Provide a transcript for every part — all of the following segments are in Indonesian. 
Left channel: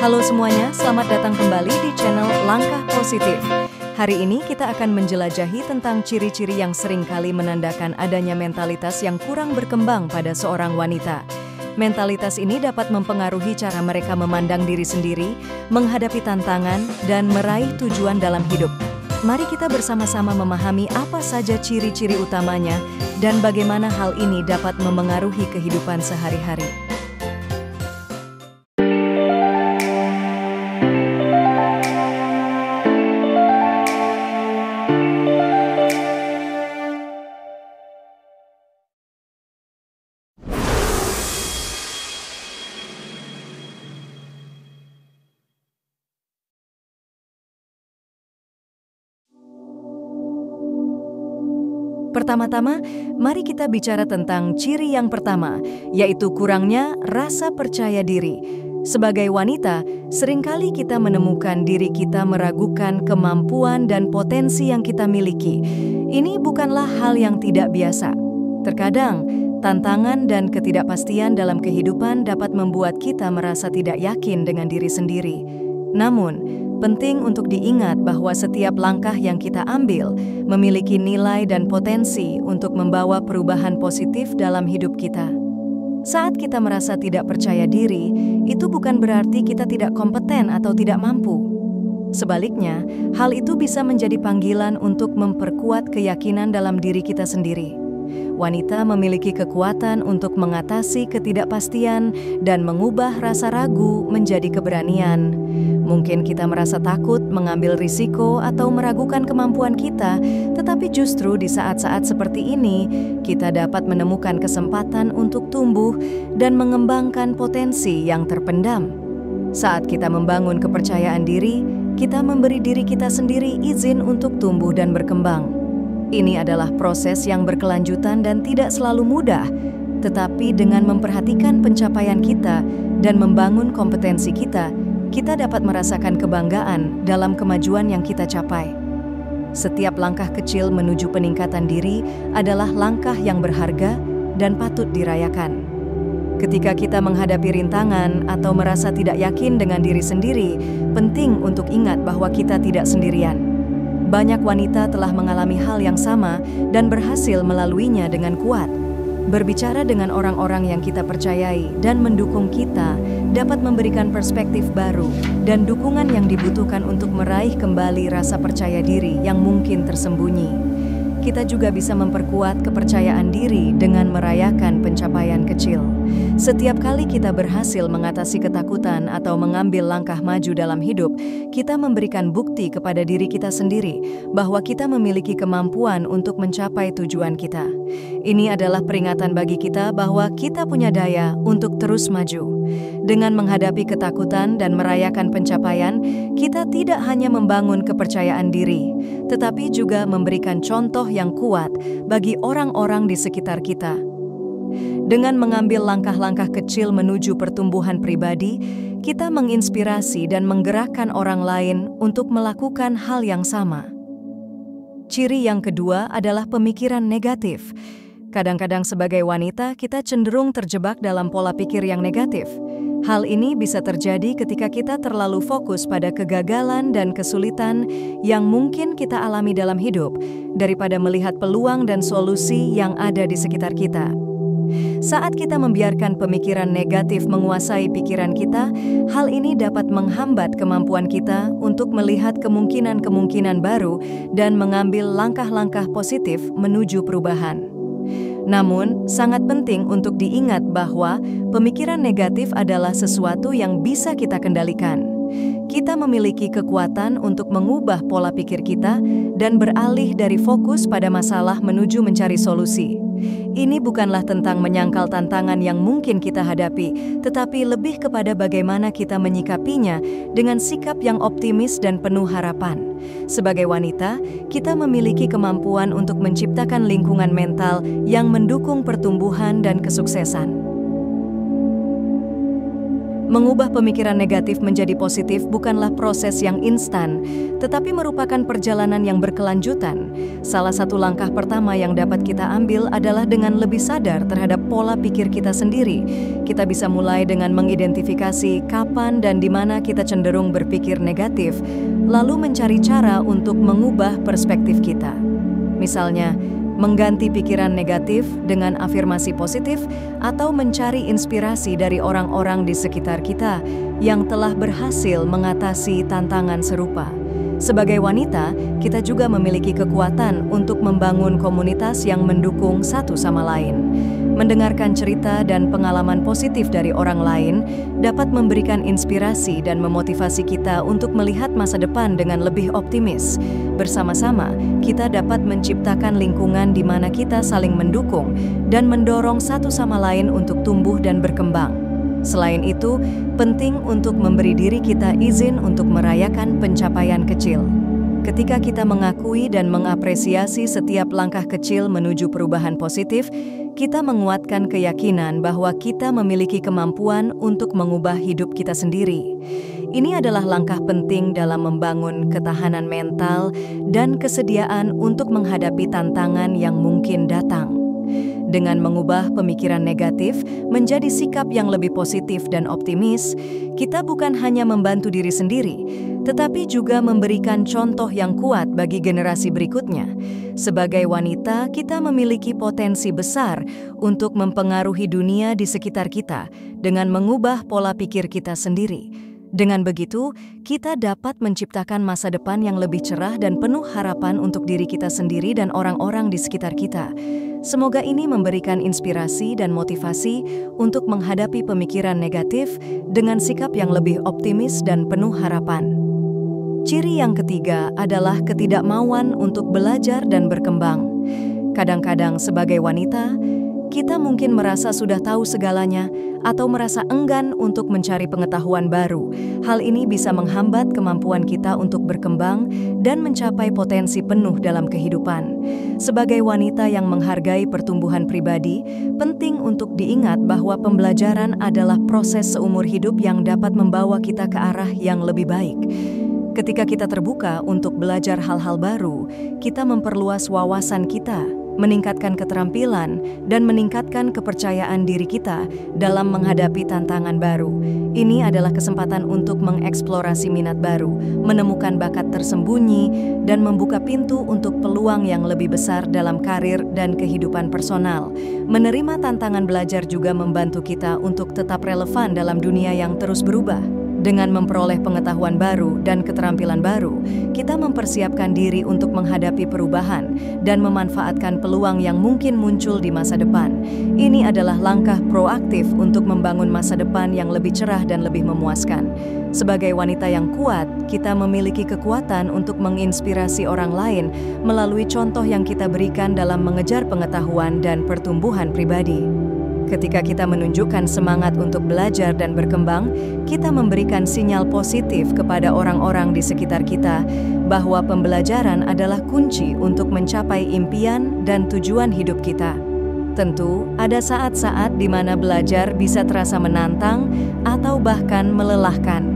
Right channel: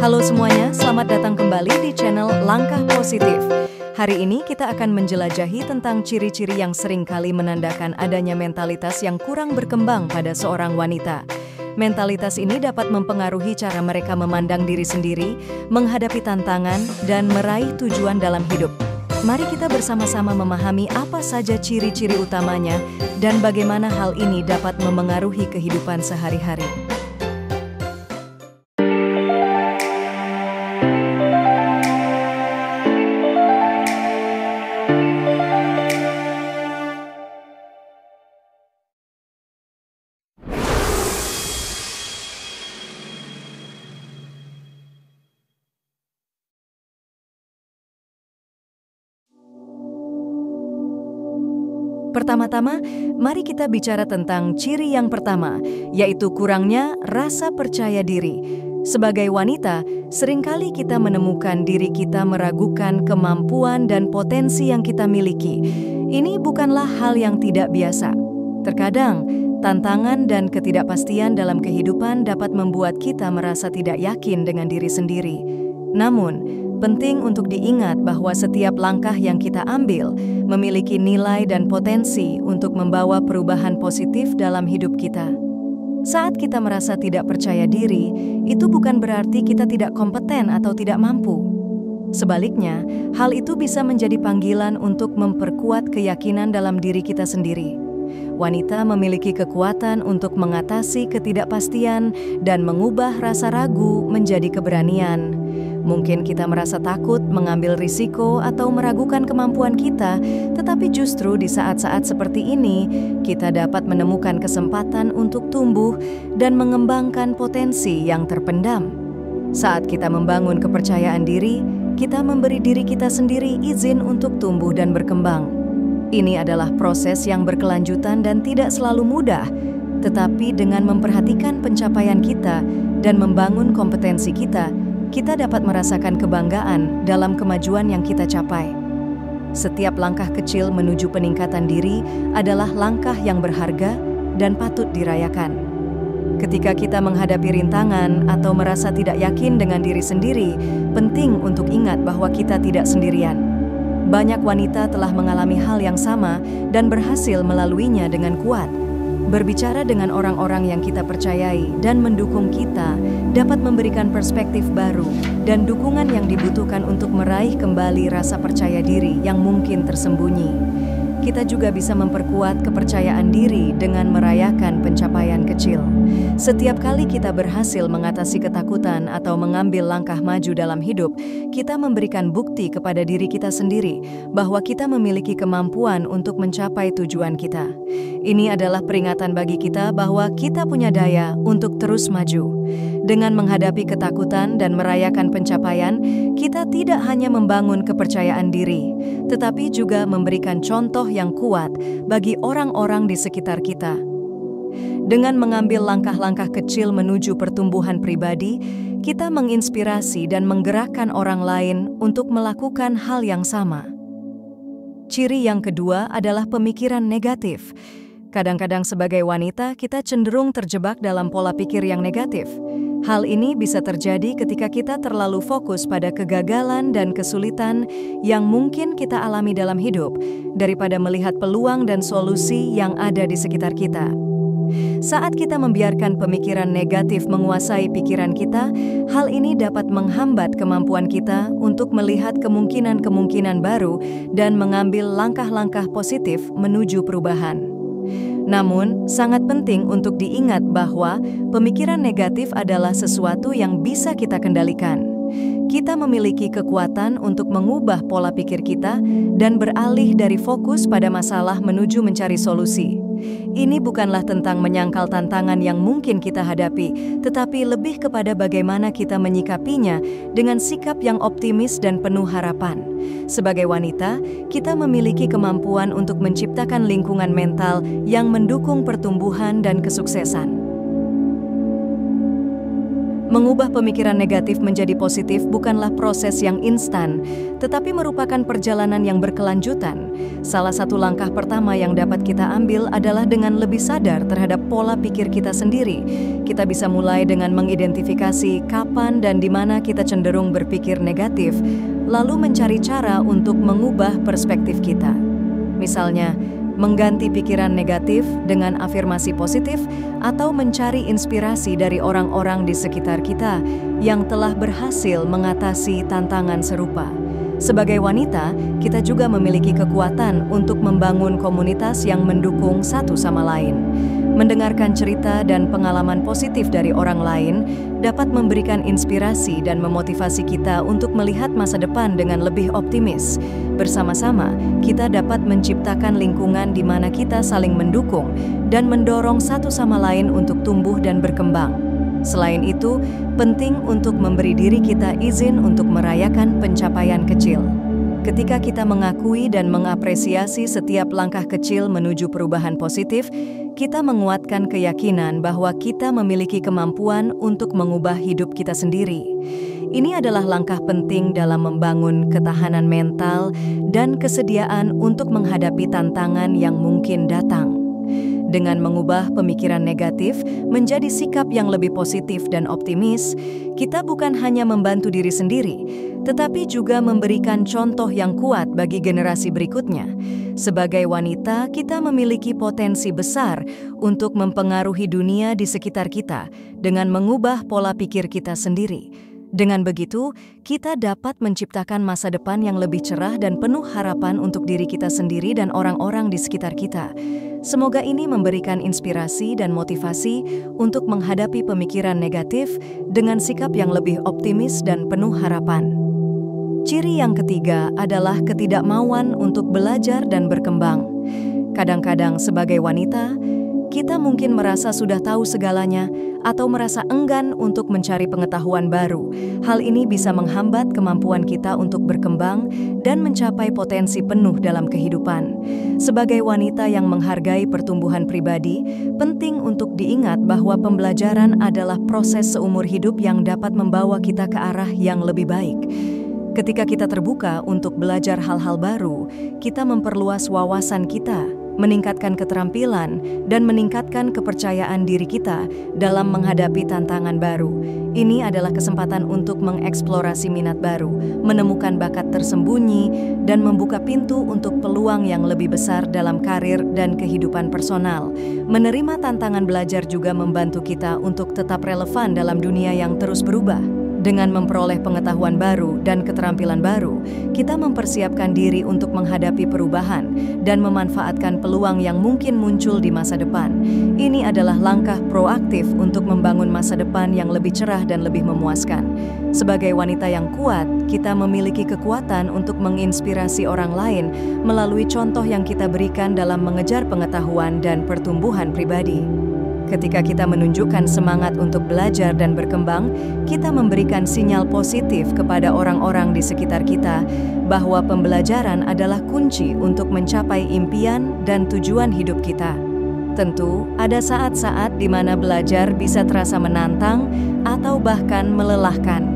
Halo semuanya, selamat datang kembali di channel Langkah Positif. Hari ini kita akan menjelajahi tentang ciri-ciri yang sering kali menandakan adanya mentalitas yang kurang berkembang pada seorang wanita. Mentalitas ini dapat mempengaruhi cara mereka memandang diri sendiri, menghadapi tantangan, dan meraih tujuan dalam hidup. Mari kita bersama-sama memahami apa saja ciri-ciri utamanya dan bagaimana hal ini dapat memengaruhi kehidupan sehari-hari. Pertama-tama, mari kita bicara tentang ciri yang pertama, yaitu kurangnya rasa percaya diri. Sebagai wanita, seringkali kita menemukan diri kita meragukan kemampuan dan potensi yang kita miliki. Ini bukanlah hal yang tidak biasa. Terkadang, tantangan dan ketidakpastian dalam kehidupan dapat membuat kita merasa tidak yakin dengan diri sendiri. Namun, penting untuk diingat bahwa setiap langkah yang kita ambil memiliki nilai dan potensi untuk membawa perubahan positif dalam hidup kita. Saat kita merasa tidak percaya diri, itu bukan berarti kita tidak kompeten atau tidak mampu. Sebaliknya, hal itu bisa menjadi panggilan untuk memperkuat keyakinan dalam diri kita sendiri. Wanita memiliki kekuatan untuk mengatasi ketidakpastian dan mengubah rasa ragu menjadi keberanian. Mungkin kita merasa takut mengambil risiko atau meragukan kemampuan kita, tetapi justru di saat-saat seperti ini, kita dapat menemukan kesempatan untuk tumbuh dan mengembangkan potensi yang terpendam. Saat kita membangun kepercayaan diri, kita memberi diri kita sendiri izin untuk tumbuh dan berkembang. Ini adalah proses yang berkelanjutan dan tidak selalu mudah, tetapi dengan memperhatikan pencapaian kita dan membangun kompetensi kita dapat merasakan kebanggaan dalam kemajuan yang kita capai. Setiap langkah kecil menuju peningkatan diri adalah langkah yang berharga dan patut dirayakan. Ketika kita menghadapi rintangan atau merasa tidak yakin dengan diri sendiri, penting untuk ingat bahwa kita tidak sendirian. Banyak wanita telah mengalami hal yang sama dan berhasil melaluinya dengan kuat. Berbicara dengan orang-orang yang kita percayai dan mendukung kita dapat memberikan perspektif baru dan dukungan yang dibutuhkan untuk meraih kembali rasa percaya diri yang mungkin tersembunyi. Kita juga bisa memperkuat kepercayaan diri dengan merayakan pencapaian kecil. Setiap kali kita berhasil mengatasi ketakutan atau mengambil langkah maju dalam hidup, kita memberikan bukti kepada diri kita sendiri bahwa kita memiliki kemampuan untuk mencapai tujuan kita. Ini adalah peringatan bagi kita bahwa kita punya daya untuk terus maju. Dengan menghadapi ketakutan dan merayakan pencapaian, kita tidak hanya membangun kepercayaan diri, tetapi juga memberikan contoh yang kuat bagi orang-orang di sekitar kita. Dengan mengambil langkah-langkah kecil menuju pertumbuhan pribadi, kita menginspirasi dan menggerakkan orang lain untuk melakukan hal yang sama. Ciri yang kedua adalah pemikiran negatif. Kadang-kadang sebagai wanita, kita cenderung terjebak dalam pola pikir yang negatif. Hal ini bisa terjadi ketika kita terlalu fokus pada kegagalan dan kesulitan yang mungkin kita alami dalam hidup, daripada melihat peluang dan solusi yang ada di sekitar kita. Saat kita membiarkan pemikiran negatif menguasai pikiran kita, hal ini dapat menghambat kemampuan kita untuk melihat kemungkinan-kemungkinan baru dan mengambil langkah-langkah positif menuju perubahan. Namun, sangat penting untuk diingat bahwa pemikiran negatif adalah sesuatu yang bisa kita kendalikan. Kita memiliki kekuatan untuk mengubah pola pikir kita dan beralih dari fokus pada masalah menuju mencari solusi. Ini bukanlah tentang menyangkal tantangan yang mungkin kita hadapi, tetapi lebih kepada bagaimana kita menyikapinya dengan sikap yang optimis dan penuh harapan. Sebagai wanita, kita memiliki kemampuan untuk menciptakan lingkungan mental yang mendukung pertumbuhan dan kesuksesan. Mengubah pemikiran negatif menjadi positif bukanlah proses yang instan, tetapi merupakan perjalanan yang berkelanjutan. Salah satu langkah pertama yang dapat kita ambil adalah dengan lebih sadar terhadap pola pikir kita sendiri. Kita bisa mulai dengan mengidentifikasi kapan dan di mana kita cenderung berpikir negatif, lalu mencari cara untuk mengubah perspektif kita. Misalnya, mengganti pikiran negatif dengan afirmasi positif atau mencari inspirasi dari orang-orang di sekitar kita yang telah berhasil mengatasi tantangan serupa. Sebagai wanita, kita juga memiliki kekuatan untuk membangun komunitas yang mendukung satu sama lain. Mendengarkan cerita dan pengalaman positif dari orang lain dapat memberikan inspirasi dan memotivasi kita untuk melihat masa depan dengan lebih optimis. Bersama-sama, kita dapat menciptakan lingkungan di mana kita saling mendukung dan mendorong satu sama lain untuk tumbuh dan berkembang. Selain itu, penting untuk memberi diri kita izin untuk merayakan pencapaian kecil. Ketika kita mengakui dan mengapresiasi setiap langkah kecil menuju perubahan positif, kita menguatkan keyakinan bahwa kita memiliki kemampuan untuk mengubah hidup kita sendiri. Ini adalah langkah penting dalam membangun ketahanan mental dan kesediaan untuk menghadapi tantangan yang mungkin datang. Dengan mengubah pemikiran negatif menjadi sikap yang lebih positif dan optimis, kita bukan hanya membantu diri sendiri, tetapi juga memberikan contoh yang kuat bagi generasi berikutnya. Sebagai wanita, kita memiliki potensi besar untuk mempengaruhi dunia di sekitar kita dengan mengubah pola pikir kita sendiri. Dengan begitu, kita dapat menciptakan masa depan yang lebih cerah dan penuh harapan untuk diri kita sendiri dan orang-orang di sekitar kita. Semoga ini memberikan inspirasi dan motivasi untuk menghadapi pemikiran negatif dengan sikap yang lebih optimis dan penuh harapan. Ciri yang ketiga adalah ketidakmauan untuk belajar dan berkembang. Kadang-kadang sebagai wanita, kita mungkin merasa sudah tahu segalanya atau merasa enggan untuk mencari pengetahuan baru. Hal ini bisa menghambat kemampuan kita untuk berkembang dan mencapai potensi penuh dalam kehidupan. Sebagai wanita yang menghargai pertumbuhan pribadi, penting untuk diingat bahwa pembelajaran adalah proses seumur hidup yang dapat membawa kita ke arah yang lebih baik. Ketika kita terbuka untuk belajar hal-hal baru, kita memperluas wawasan kita, meningkatkan keterampilan, dan meningkatkan kepercayaan diri kita dalam menghadapi tantangan baru. Ini adalah kesempatan untuk mengeksplorasi minat baru, menemukan bakat tersembunyi, dan membuka pintu untuk peluang yang lebih besar dalam karir dan kehidupan personal. Menerima tantangan belajar juga membantu kita untuk tetap relevan dalam dunia yang terus berubah. Dengan memperoleh pengetahuan baru dan keterampilan baru, kita mempersiapkan diri untuk menghadapi perubahan dan memanfaatkan peluang yang mungkin muncul di masa depan. Ini adalah langkah proaktif untuk membangun masa depan yang lebih cerah dan lebih memuaskan. Sebagai wanita yang kuat, kita memiliki kekuatan untuk menginspirasi orang lain melalui contoh yang kita berikan dalam mengejar pengetahuan dan pertumbuhan pribadi. Ketika kita menunjukkan semangat untuk belajar dan berkembang, kita memberikan sinyal positif kepada orang-orang di sekitar kita bahwa pembelajaran adalah kunci untuk mencapai impian dan tujuan hidup kita. Tentu, ada saat-saat di mana belajar bisa terasa menantang atau bahkan melelahkan.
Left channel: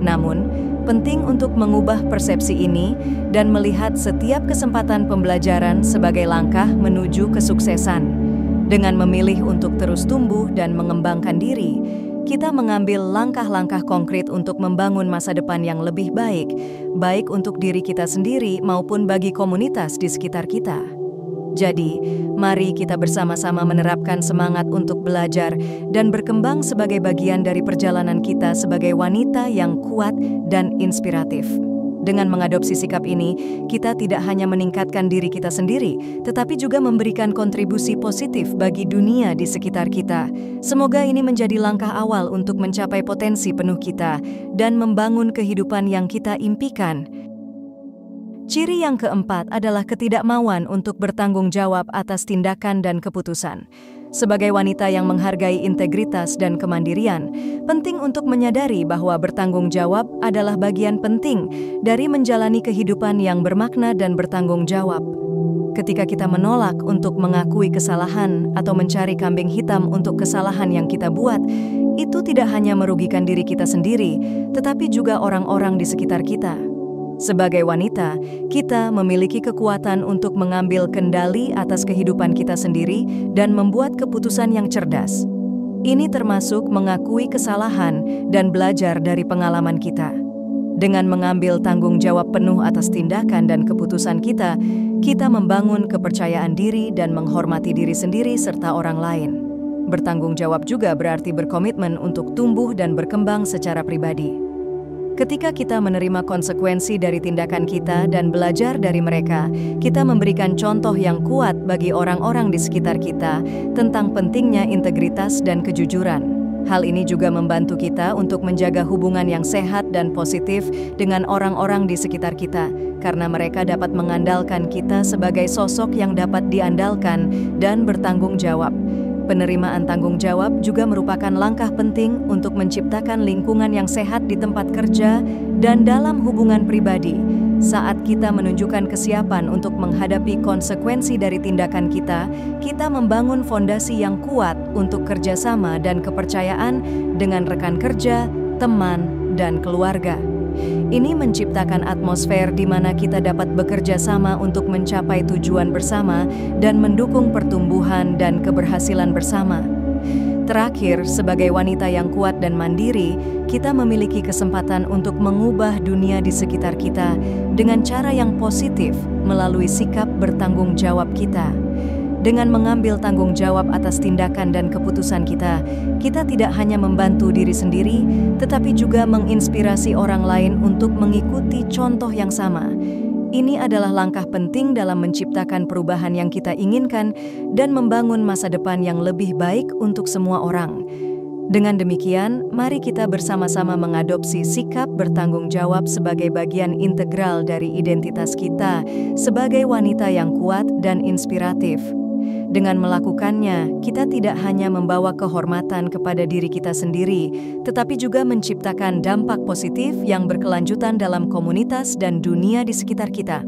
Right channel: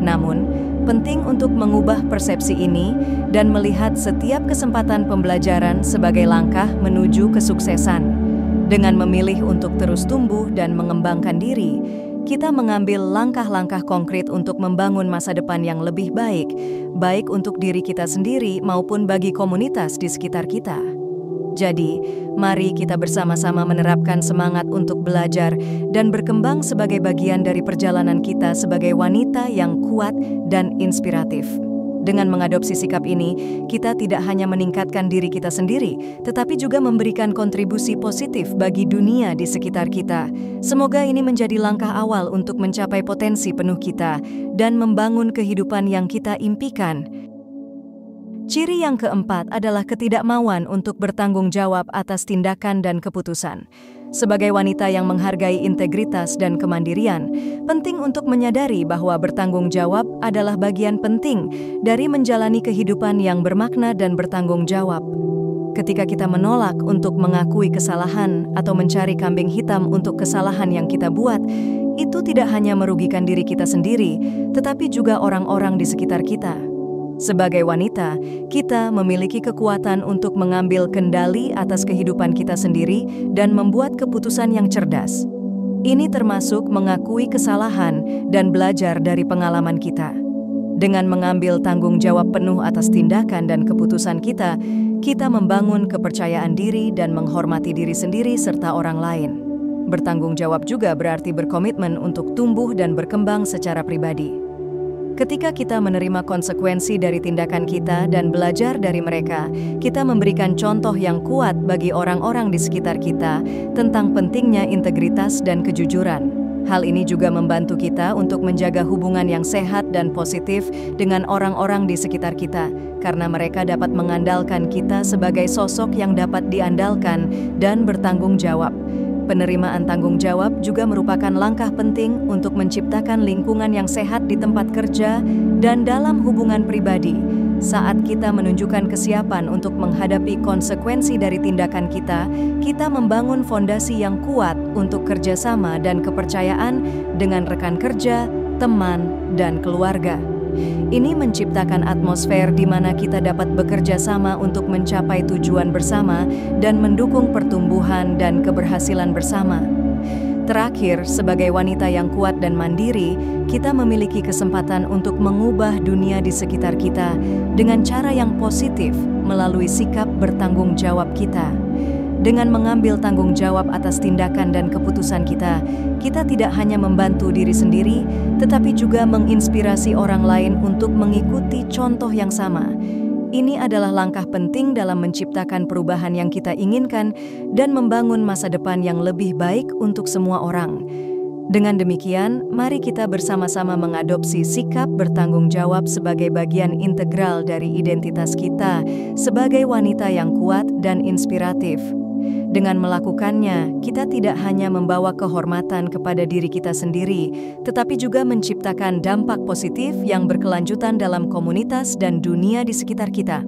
Namun, penting untuk mengubah persepsi ini dan melihat setiap kesempatan pembelajaran sebagai langkah menuju kesuksesan. Dengan memilih untuk terus tumbuh dan mengembangkan diri, kita mengambil langkah-langkah konkret untuk membangun masa depan yang lebih baik, baik untuk diri kita sendiri maupun bagi komunitas di sekitar kita. Jadi, mari kita bersama-sama menerapkan semangat untuk belajar dan berkembang sebagai bagian dari perjalanan kita sebagai wanita yang kuat dan inspiratif. Dengan mengadopsi sikap ini, kita tidak hanya meningkatkan diri kita sendiri, tetapi juga memberikan kontribusi positif bagi dunia di sekitar kita. Semoga ini menjadi langkah awal untuk mencapai potensi penuh kita dan membangun kehidupan yang kita impikan. Ciri yang keempat adalah ketidakmauan untuk bertanggung jawab atas tindakan dan keputusan. Sebagai wanita yang menghargai integritas dan kemandirian, penting untuk menyadari bahwa bertanggung jawab adalah bagian penting dari menjalani kehidupan yang bermakna dan bertanggung jawab. Ketika kita menolak untuk mengakui kesalahan atau mencari kambing hitam untuk kesalahan yang kita buat, itu tidak hanya merugikan diri kita sendiri, tetapi juga orang-orang di sekitar kita. Sebagai wanita, kita memiliki kekuatan untuk mengambil kendali atas kehidupan kita sendiri dan membuat keputusan yang cerdas. Ini termasuk mengakui kesalahan dan belajar dari pengalaman kita. Dengan mengambil tanggung jawab penuh atas tindakan dan keputusan kita, kita membangun kepercayaan diri dan menghormati diri sendiri serta orang lain. Bertanggung jawab juga berarti berkomitmen untuk tumbuh dan berkembang secara pribadi. Ketika kita menerima konsekuensi dari tindakan kita dan belajar dari mereka, kita memberikan contoh yang kuat bagi orang-orang di sekitar kita tentang pentingnya integritas dan kejujuran. Hal ini juga membantu kita untuk menjaga hubungan yang sehat dan positif dengan orang-orang di sekitar kita, karena mereka dapat mengandalkan kita sebagai sosok yang dapat diandalkan dan bertanggung jawab. Penerimaan tanggung jawab juga merupakan langkah penting untuk menciptakan lingkungan yang sehat di tempat kerja dan dalam hubungan pribadi. Saat kita menunjukkan kesiapan untuk menghadapi konsekuensi dari tindakan kita, kita membangun fondasi yang kuat untuk kerjasama dan kepercayaan dengan rekan kerja, teman, dan keluarga. Ini menciptakan atmosfer di mana kita dapat bekerja sama untuk mencapai tujuan bersama dan mendukung pertumbuhan dan keberhasilan bersama. Terakhir, sebagai wanita yang kuat dan mandiri, kita memiliki kesempatan untuk mengubah dunia di sekitar kita dengan cara yang positif melalui sikap bertanggung jawab kita. Dengan mengambil tanggung jawab atas tindakan dan keputusan kita tidak hanya membantu diri sendiri, tetapi juga menginspirasi orang lain untuk mengikuti contoh yang sama. Ini adalah langkah penting dalam menciptakan perubahan yang kita inginkan dan membangun masa depan yang lebih baik untuk semua orang. Dengan demikian, mari kita bersama-sama mengadopsi sikap bertanggung jawab sebagai bagian integral dari identitas kita sebagai wanita yang kuat dan inspiratif. Dengan melakukannya, kita tidak hanya membawa kehormatan kepada diri kita sendiri, tetapi juga menciptakan dampak positif yang berkelanjutan dalam komunitas dan dunia di sekitar kita.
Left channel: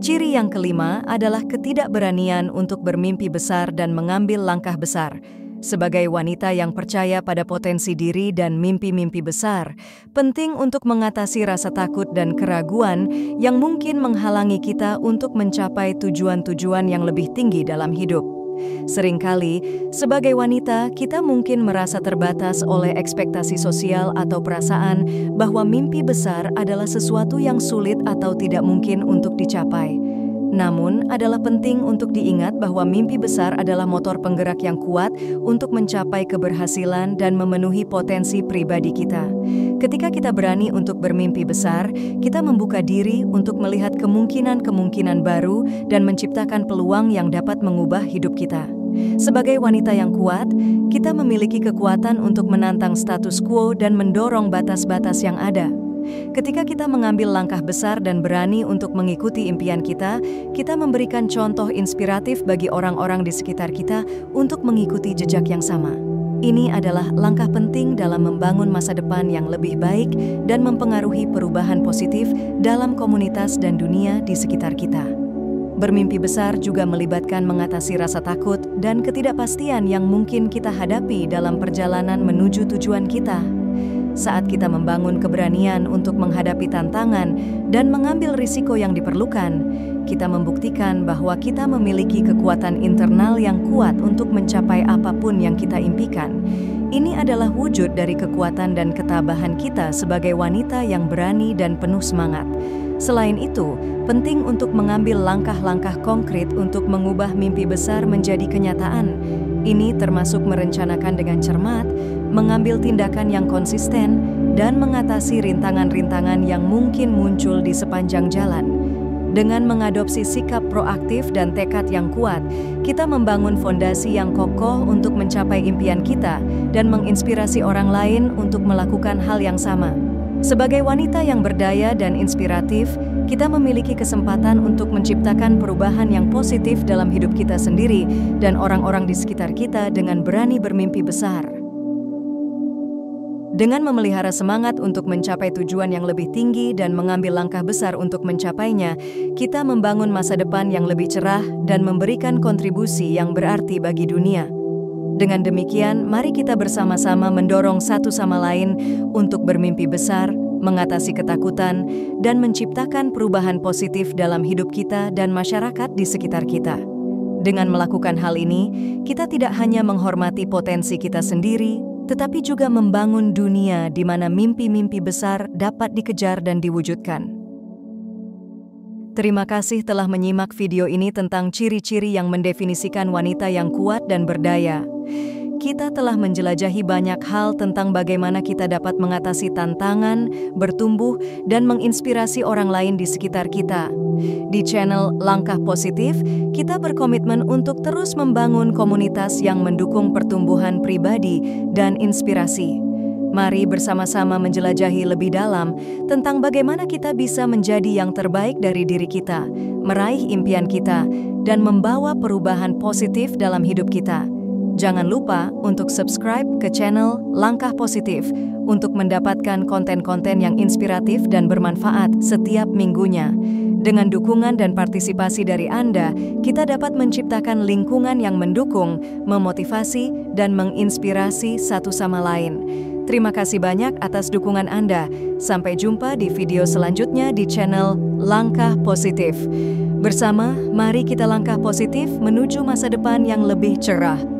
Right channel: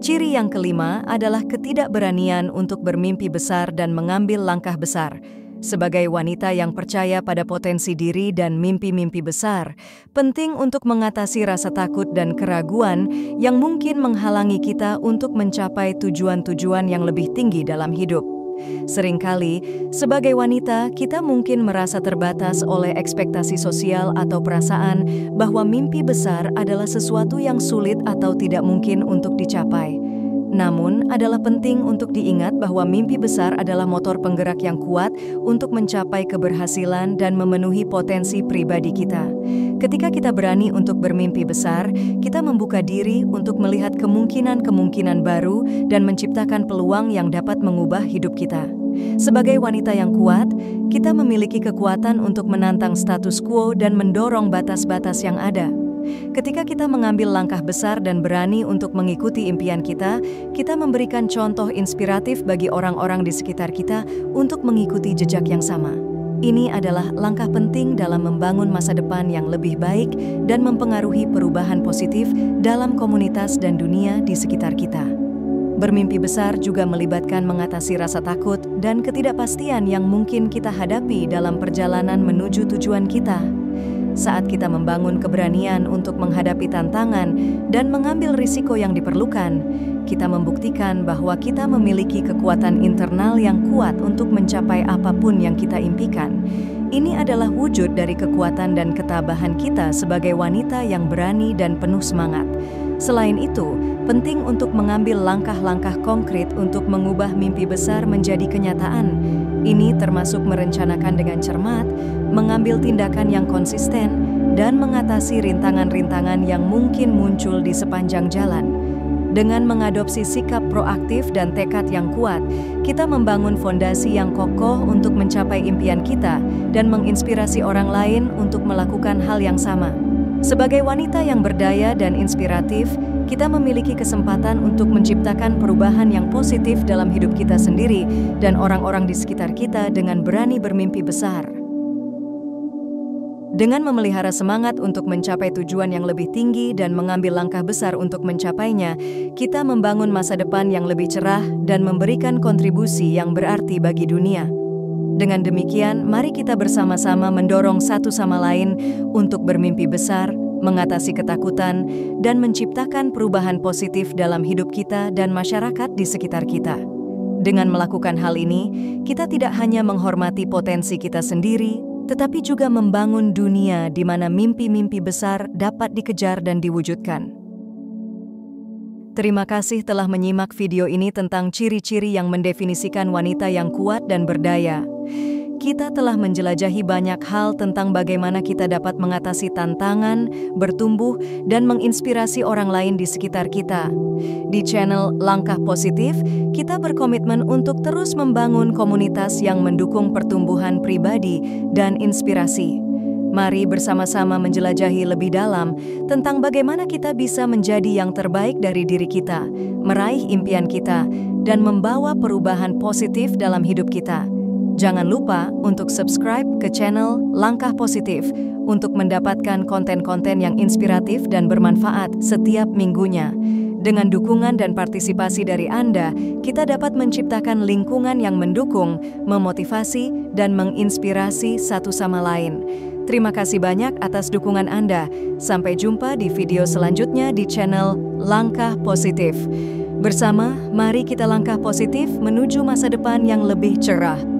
Ciri yang kelima adalah ketidakberanian untuk bermimpi besar dan mengambil langkah besar. Sebagai wanita yang percaya pada potensi diri dan mimpi-mimpi besar, penting untuk mengatasi rasa takut dan keraguan yang mungkin menghalangi kita untuk mencapai tujuan-tujuan yang lebih tinggi dalam hidup. Seringkali, sebagai wanita, kita mungkin merasa terbatas oleh ekspektasi sosial atau perasaan bahwa mimpi besar adalah sesuatu yang sulit atau tidak mungkin untuk dicapai. Namun, adalah penting untuk diingat bahwa mimpi besar adalah motor penggerak yang kuat untuk mencapai keberhasilan dan memenuhi potensi pribadi kita. Ketika kita berani untuk bermimpi besar, kita membuka diri untuk melihat kemungkinan-kemungkinan baru dan menciptakan peluang yang dapat mengubah hidup kita. Sebagai wanita yang kuat, kita memiliki kekuatan untuk menantang status quo dan mendorong batas-batas yang ada. Ketika kita mengambil langkah besar dan berani untuk mengikuti impian kita memberikan contoh inspiratif bagi orang-orang di sekitar kita untuk mengikuti jejak yang sama. Ini adalah langkah penting dalam membangun masa depan yang lebih baik dan mempengaruhi perubahan positif dalam komunitas dan dunia di sekitar kita. Bermimpi besar juga melibatkan mengatasi rasa takut dan ketidakpastian yang mungkin kita hadapi dalam perjalanan menuju tujuan kita. Saat kita membangun keberanian untuk menghadapi tantangan dan mengambil risiko yang diperlukan, kita membuktikan bahwa kita memiliki kekuatan internal yang kuat untuk mencapai apapun yang kita impikan. Ini adalah wujud dari kekuatan dan ketabahan kita sebagai wanita yang berani dan penuh semangat. Selain itu, penting untuk mengambil langkah-langkah konkret untuk mengubah mimpi besar menjadi kenyataan. Ini termasuk merencanakan dengan cermat, mengambil tindakan yang konsisten, dan mengatasi rintangan-rintangan yang mungkin muncul di sepanjang jalan. Dengan mengadopsi sikap proaktif dan tekad yang kuat, kita membangun fondasi yang kokoh untuk mencapai impian kita dan menginspirasi orang lain untuk melakukan hal yang sama. Sebagai wanita yang berdaya dan inspiratif, kita memiliki kesempatan untuk menciptakan perubahan yang positif dalam hidup kita sendiri dan orang-orang di sekitar kita dengan berani bermimpi besar. Dengan memelihara semangat untuk mencapai tujuan yang lebih tinggi dan mengambil langkah besar untuk mencapainya, kita membangun masa depan yang lebih cerah dan memberikan kontribusi yang berarti bagi dunia. Dengan demikian, mari kita bersama-sama mendorong satu sama lain untuk bermimpi besar, mengatasi ketakutan, dan menciptakan perubahan positif dalam hidup kita dan masyarakat di sekitar kita. Dengan melakukan hal ini, kita tidak hanya menghormati potensi kita sendiri, tetapi juga membangun dunia di mana mimpi-mimpi besar dapat dikejar dan diwujudkan. Terima kasih telah menyimak video ini tentang ciri-ciri yang mendefinisikan wanita yang kuat dan berdaya. Kita telah menjelajahi banyak hal tentang bagaimana kita dapat mengatasi tantangan, bertumbuh, dan menginspirasi orang lain di sekitar kita. Di channel Langkah Positif, kita berkomitmen untuk terus membangun komunitas yang mendukung pertumbuhan pribadi dan inspirasi. Mari bersama-sama menjelajahi lebih dalam tentang bagaimana kita bisa menjadi yang terbaik dari diri kita, meraih impian kita, dan membawa perubahan positif dalam hidup kita. Jangan lupa untuk subscribe ke channel Langkah Positif untuk mendapatkan konten-konten yang inspiratif dan bermanfaat setiap minggunya. Dengan dukungan dan partisipasi dari Anda, kita dapat menciptakan lingkungan yang mendukung, memotivasi, dan menginspirasi satu sama lain. Terima kasih banyak atas dukungan Anda. Sampai jumpa di video selanjutnya di channel Langkah Positif. Bersama, mari kita langkah positif menuju masa depan yang lebih cerah.